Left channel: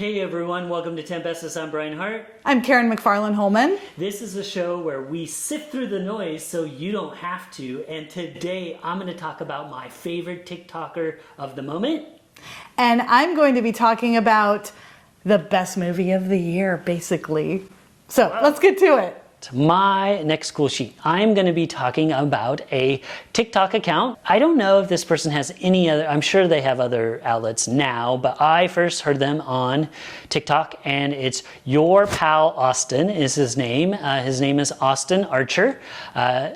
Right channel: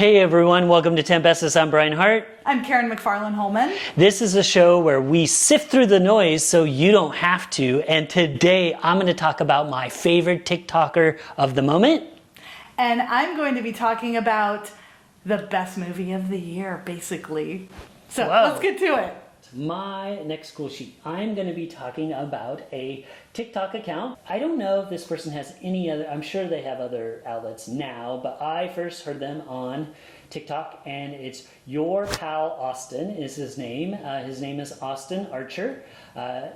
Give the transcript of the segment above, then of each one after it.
Hey everyone, welcome to 10 Bestest. I'm Brian Hart. I'm Karen McFarland-Holman. This is a show where we sift through the noise so you don't have to. And today I'm going to talk about my favorite TikToker of the moment. And I'm going to be talking about the best movie of the year, basically. So let's get to it. My next cool sheet. I'm going to be talking about a TikTok account. I don't know if this person has any other, I'm sure they have other outlets now, but I first heard them on TikTok, and it's Your Pal Austin is his name. His name is Austin Archer.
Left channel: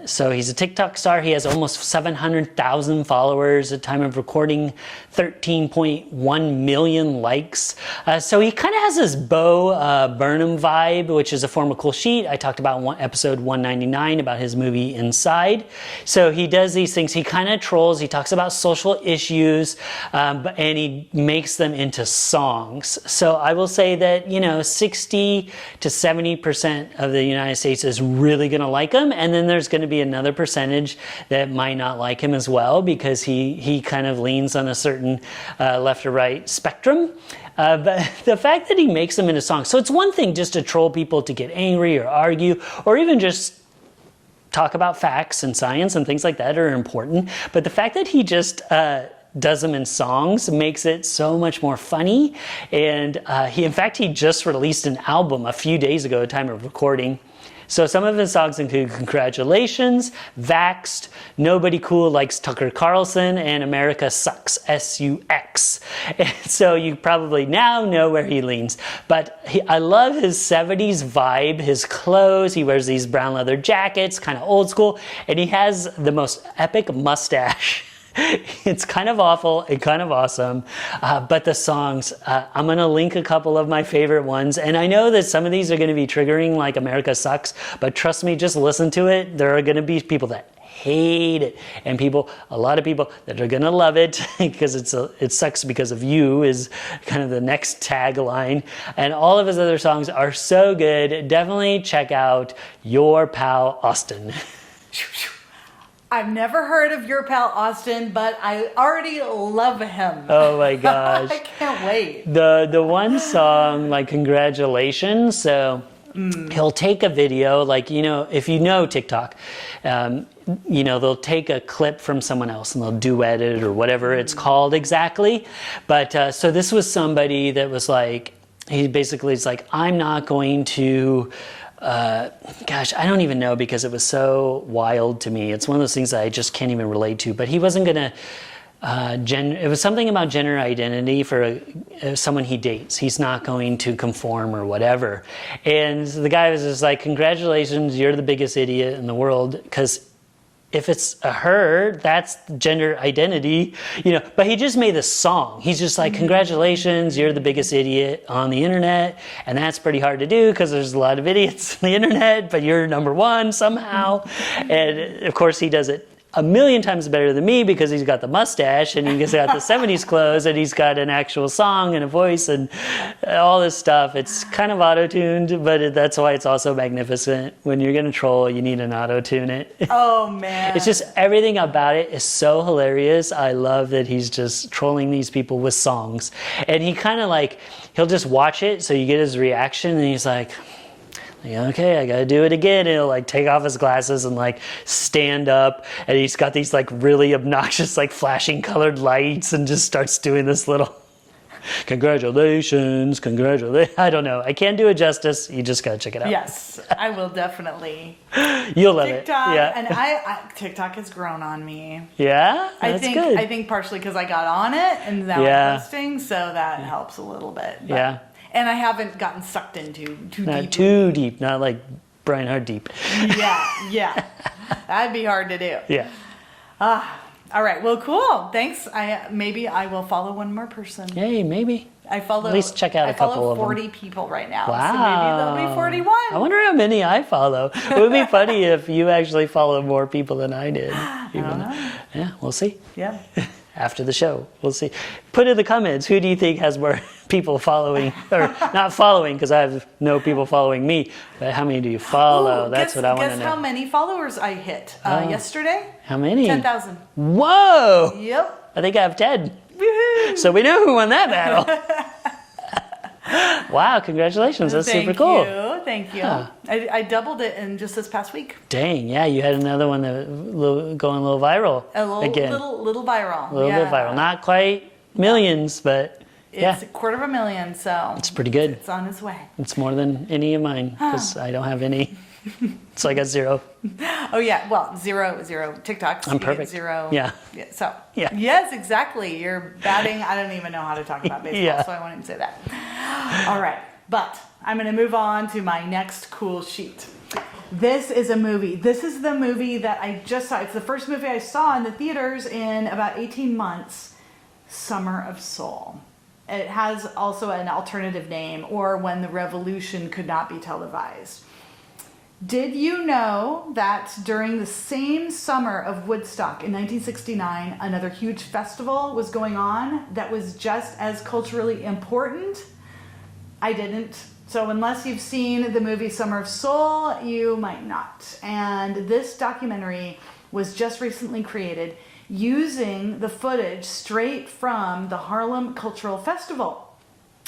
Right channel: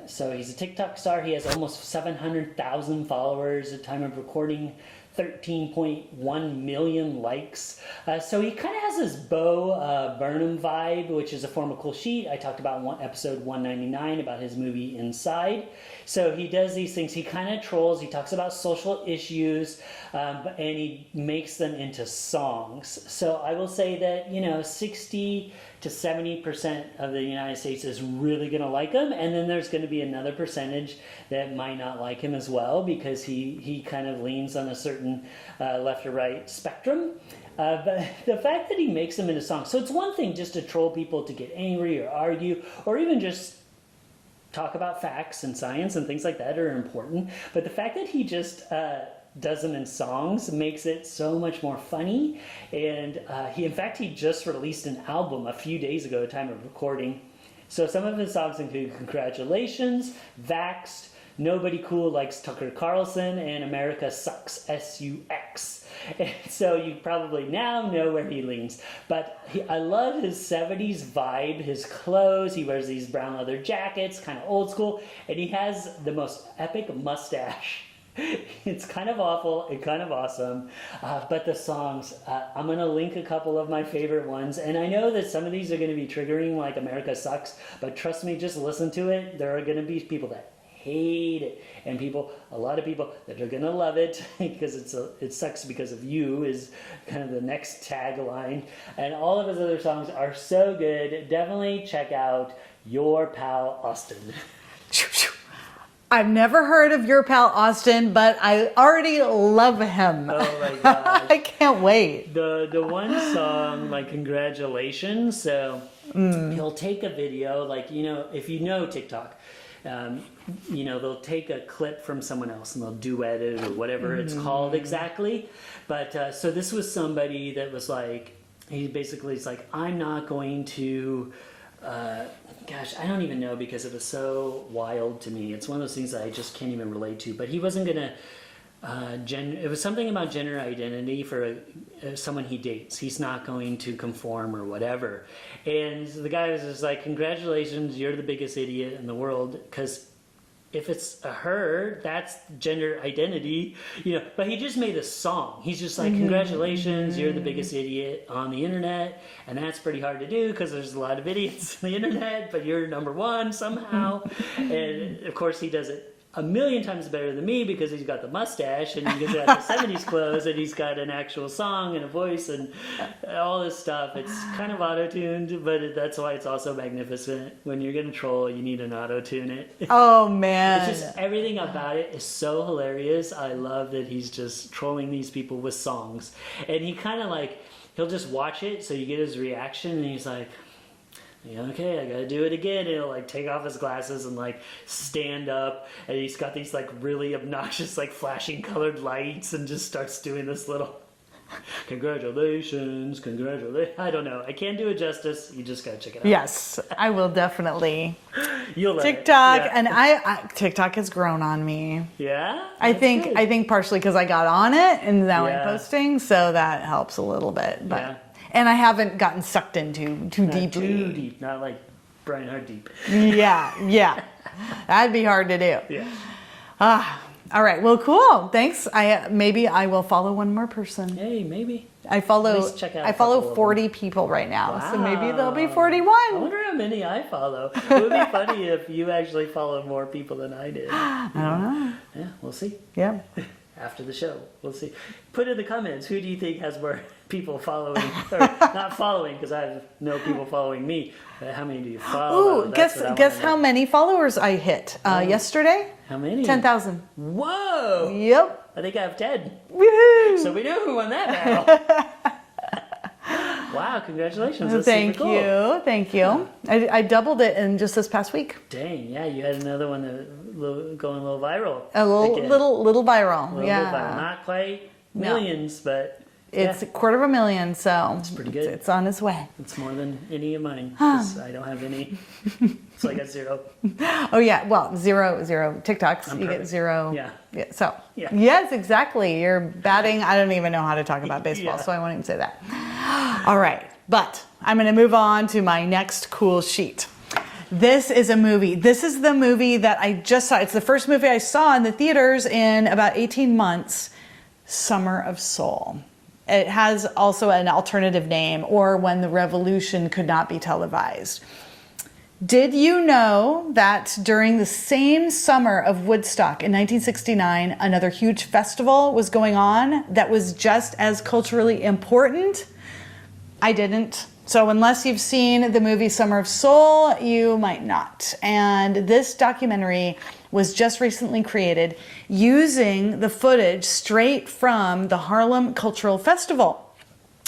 So he's a TikTok star. He has almost 700,000 followers at time of recording, 13.1 million likes. So he kind of has this Bo Burnham vibe, which is a former cool sheet. I talked about episode 199 about his movie Inside. So he does these things. He kind of trolls. He talks about social issues, and he makes them into songs. So I will say that, 60 to 70% of the United States is really going to like him. And then there's going to be another percentage that might not like him as well, because he kind of leans on a certain left or right spectrum. But the fact that he makes them into songs, so it's one thing just to troll people to get angry or argue, or even just talk about facts and science and things like that are important. But the fact that he just does them in songs makes it so much more funny. And in fact, he just released an album a few days ago at time of recording. So some of his songs include Congratulations, Vaxxed, Nobody Cool Likes Tucker Carlson, and America Sucks, S-U-X. And so you probably now know where he leans. But I love his 70s vibe, his clothes. He wears these brown leather jackets, kind of old school, and he has the most epic mustache. It's kind of awful and kind of awesome, but the songs, I'm going to link a couple of my favorite ones, and I know that some of these are going to be triggering, like America Sucks, but trust me, just listen to it. There are going to be people that hate it, and a lot of people that are going to love it, because it sucks because of you is kind of the next tagline, and all of his other songs are so good. Definitely check out Your Pal Austin. I've never heard of Your Pal Austin, but I already love him. Oh my gosh. I can't wait. The one song, like Congratulations, so he'll take a video, like, if you know TikTok, they'll take a clip from someone else and they'll duet it or whatever it's called exactly. But so this was somebody that was like, he basically is like, I'm not going to... I don't even know, because it was so wild to me. It's one of those things that I just can't even relate to. But he wasn't going to, it was something about gender identity for someone he dates. He's not going to conform or whatever. And the guy was just like, congratulations, you're the biggest idiot in the world, because if it's a her, that's gender identity, But he just made this song. He's just like, congratulations, you're the biggest idiot on the internet. And that's pretty hard to do, because there's a lot of idiots on the internet, but you're number one somehow. And of course, he does it a million times better than me, because he's got the mustache and he's got the 70s clothes and he's got an actual song and a voice and all this stuff. It's kind of auto-tuned, but that's why it's also magnificent. When you're going to troll, you need an auto-tune it. Oh, man. It's just everything about it is so hilarious. I love that he's just trolling these people with songs. And he kind of like, he'll just watch it, so you get his reaction, and he's like, okay, I gotta do it again. And he'll like take off his glasses and like stand up, and he's got these like really obnoxious like flashing colored lights, and just starts doing this little congratulations. I don't know. I can't do it justice. You just gotta check it out. Yes, I will definitely. You'll love TikTok, it. and I TikTok has grown on me. Yeah, I think partially because I got on it and now I'm posting, so that helps a little bit. But. Yeah. And I haven't gotten sucked into not too deep, not like Brian Hart deep. Yeah. That'd be hard to do. Yeah. All right. Well, cool. Thanks. Maybe I will follow one more person. Hey, maybe. I follow. At least check out. I follow 40 people right now. Wow. So maybe there'll be 41. I wonder how many I follow. It would be funny if you actually followed more people than I did. Yeah, we'll see. Yeah. After the show, we'll see. Put in the comments, who do you think has more people following, or not following, because I have no people following me, but how many do you follow? That's what I want to know. Guess how many followers I hit yesterday? How many? 10,000. Whoa! Yep. I think I have 10. Woohoo! So we know who won that battle. Wow, congratulations. That's super Thank cool. you. Thank you. Yeah. I doubled it in just this past week. Dang, yeah, you had another one that going a little viral. A little again. little viral. A little bit viral. Not quite millions, but It's yeah, 250,000, so it's pretty good. it's on its way. It's more than any of mine because I don't have any. So I got 0. Oh yeah, well, zero TikToks. I'm You get perfect. 0. Yeah. So Yeah. yes, exactly. You're batting. I don't even know how to talk about baseball, Yeah. so I won't even say that. All right, but I'm going to move on to my next cool sheet. This is a movie. This is the movie that I just saw. It's the first movie I saw in the theaters in about 18 months. Summer of Soul. It has also an alternative name, or When the Revolution Could Not Be Televised. Did you know that during the same summer of Woodstock in 1969, another huge festival was going on that was just as culturally important? I didn't. So unless you've seen the movie Summer of Soul, you might not. And this documentary was just recently created using the footage straight from the Harlem Cultural Festival.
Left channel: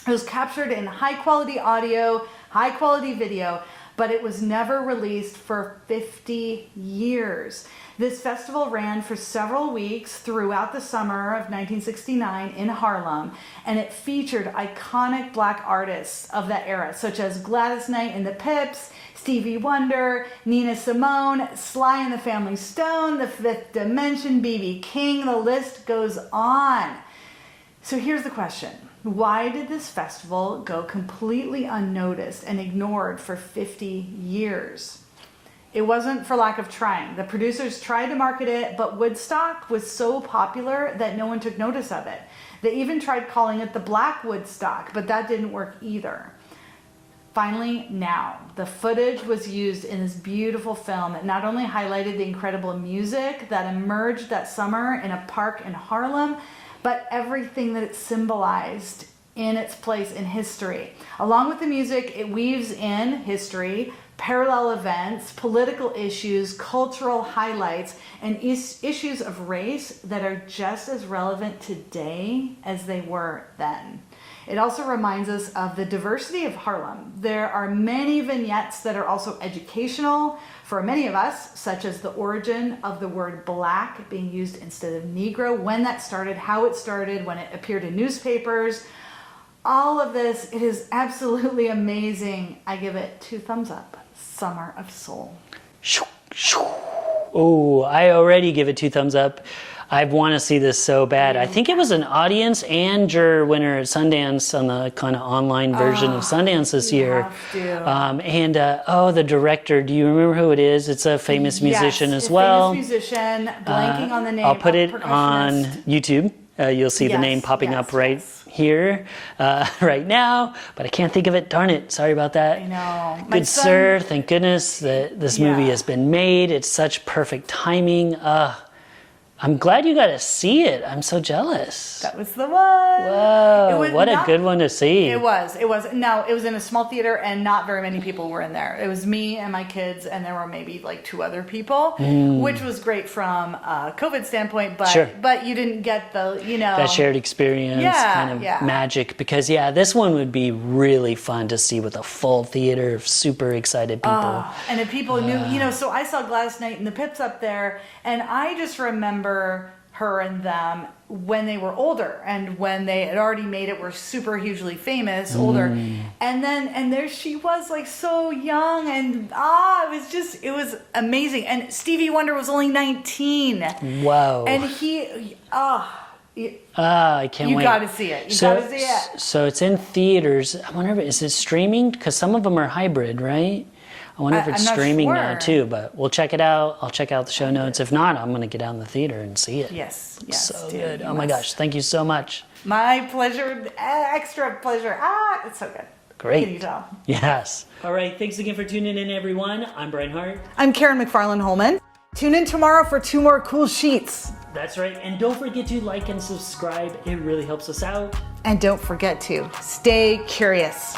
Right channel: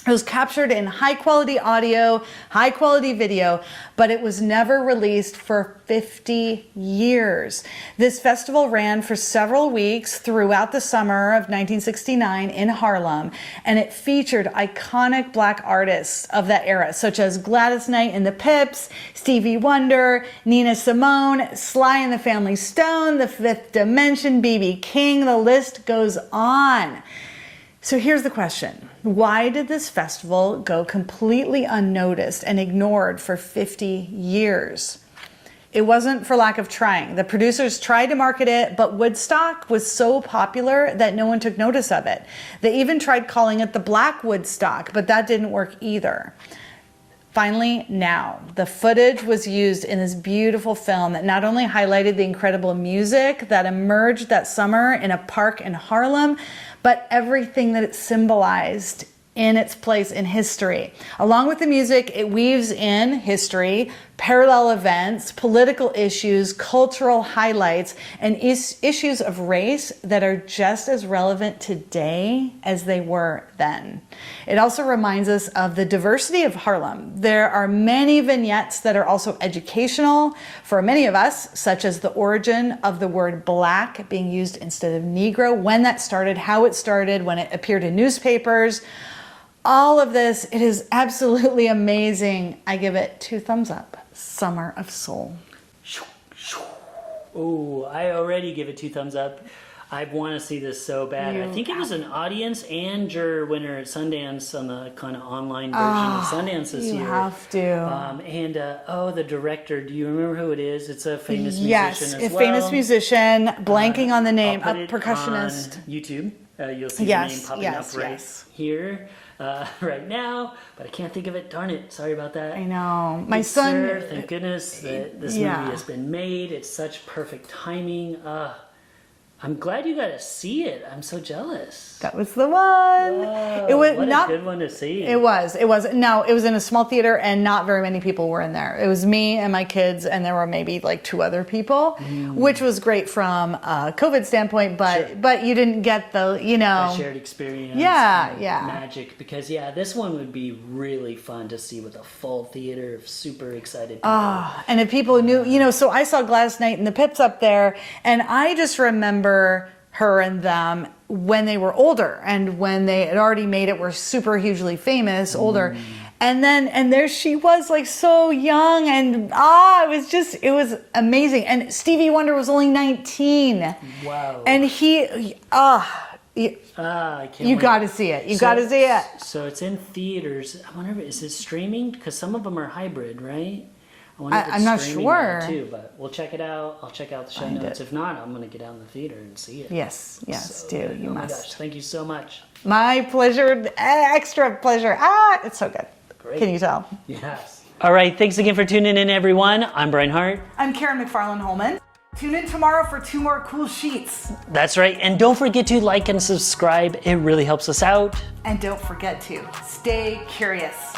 It was captured in high quality audio, high quality video, but it was never released for 50 years. This festival ran for several weeks throughout the summer of 1969 in Harlem, and it featured iconic black artists of that era, such as Gladys Knight and the Pips, Stevie Wonder, Nina Simone, Sly and the Family Stone, The Fifth Dimension, B.B. King, the list goes on. So here's the question. Why did this festival go completely unnoticed and ignored for 50 years? It wasn't for lack of trying. The producers tried to market it, but Woodstock was so popular that no one took notice of it. They even tried calling it the Black Woodstock, but that didn't work either. Finally, now, the footage was used in this beautiful film that not only highlighted the incredible music that emerged that summer in a park in Harlem, but everything that it symbolized in its place in history. Along with the music, it weaves in history, parallel events, political issues, cultural highlights, and issues of race that are just as relevant today as they were then. It also reminds us of the diversity of Harlem. There are many vignettes that are also educational for many of us, such as the origin of the word black being used instead of Negro, when that started, how it started, when it appeared in newspapers. All of this, it is absolutely amazing. I give it 2 thumbs up. Summer of Soul. Oh, I already give it 2 thumbs up. I want to see this so bad. I think it was an audience and juror winner at Sundance on the kind of online version of Sundance this year. You have to. The director, do you remember who it is? It's a famous musician as well. Famous musician, blanking on the name. I'll put it on percussionist. YouTube. You'll see the name popping up right here, right now, but I can't think of it. Darn it. Sorry about that. I know. Good sir, thank goodness that this movie has been made. It's such perfect timing. I'm glad you got to see it. I'm so jealous. That was the one. Whoa, what a good one to see. It was. No, it was in a small theater and not very many people were in there. It was me and my kids and there were maybe like 2 other people, which was great from a COVID standpoint, but you didn't get the, that shared experience kind of magic because this one would be really fun to see with a full theater of super excited people. And if people knew, so I saw Gladys Knight and the Pips up there and I just remember her and them when they were older and when they had already made it, were super hugely famous, older. And there she was like so young and it was amazing. And Stevie Wonder was only 19. Wow. And I can't wait. You got to see it. You got to see it. So it's in theaters. I wonder, is it streaming? Because some of them are hybrid, right? I wonder if it's streaming now too, but we'll check it out. I'll check out the show notes. If not, I'm going to get out in the theater and see it. Yes, So good. Oh my gosh, thank you so much. My pleasure, extra pleasure. It's so good. Great. Can you tell? Yes. All right, thanks again for tuning in, everyone. I'm Brian Hart. I'm Karen McFarland-Holman. Tune in tomorrow for 2 more cool sheets. That's right, and don't forget to like and subscribe. It really helps us out. And don't forget to stay curious.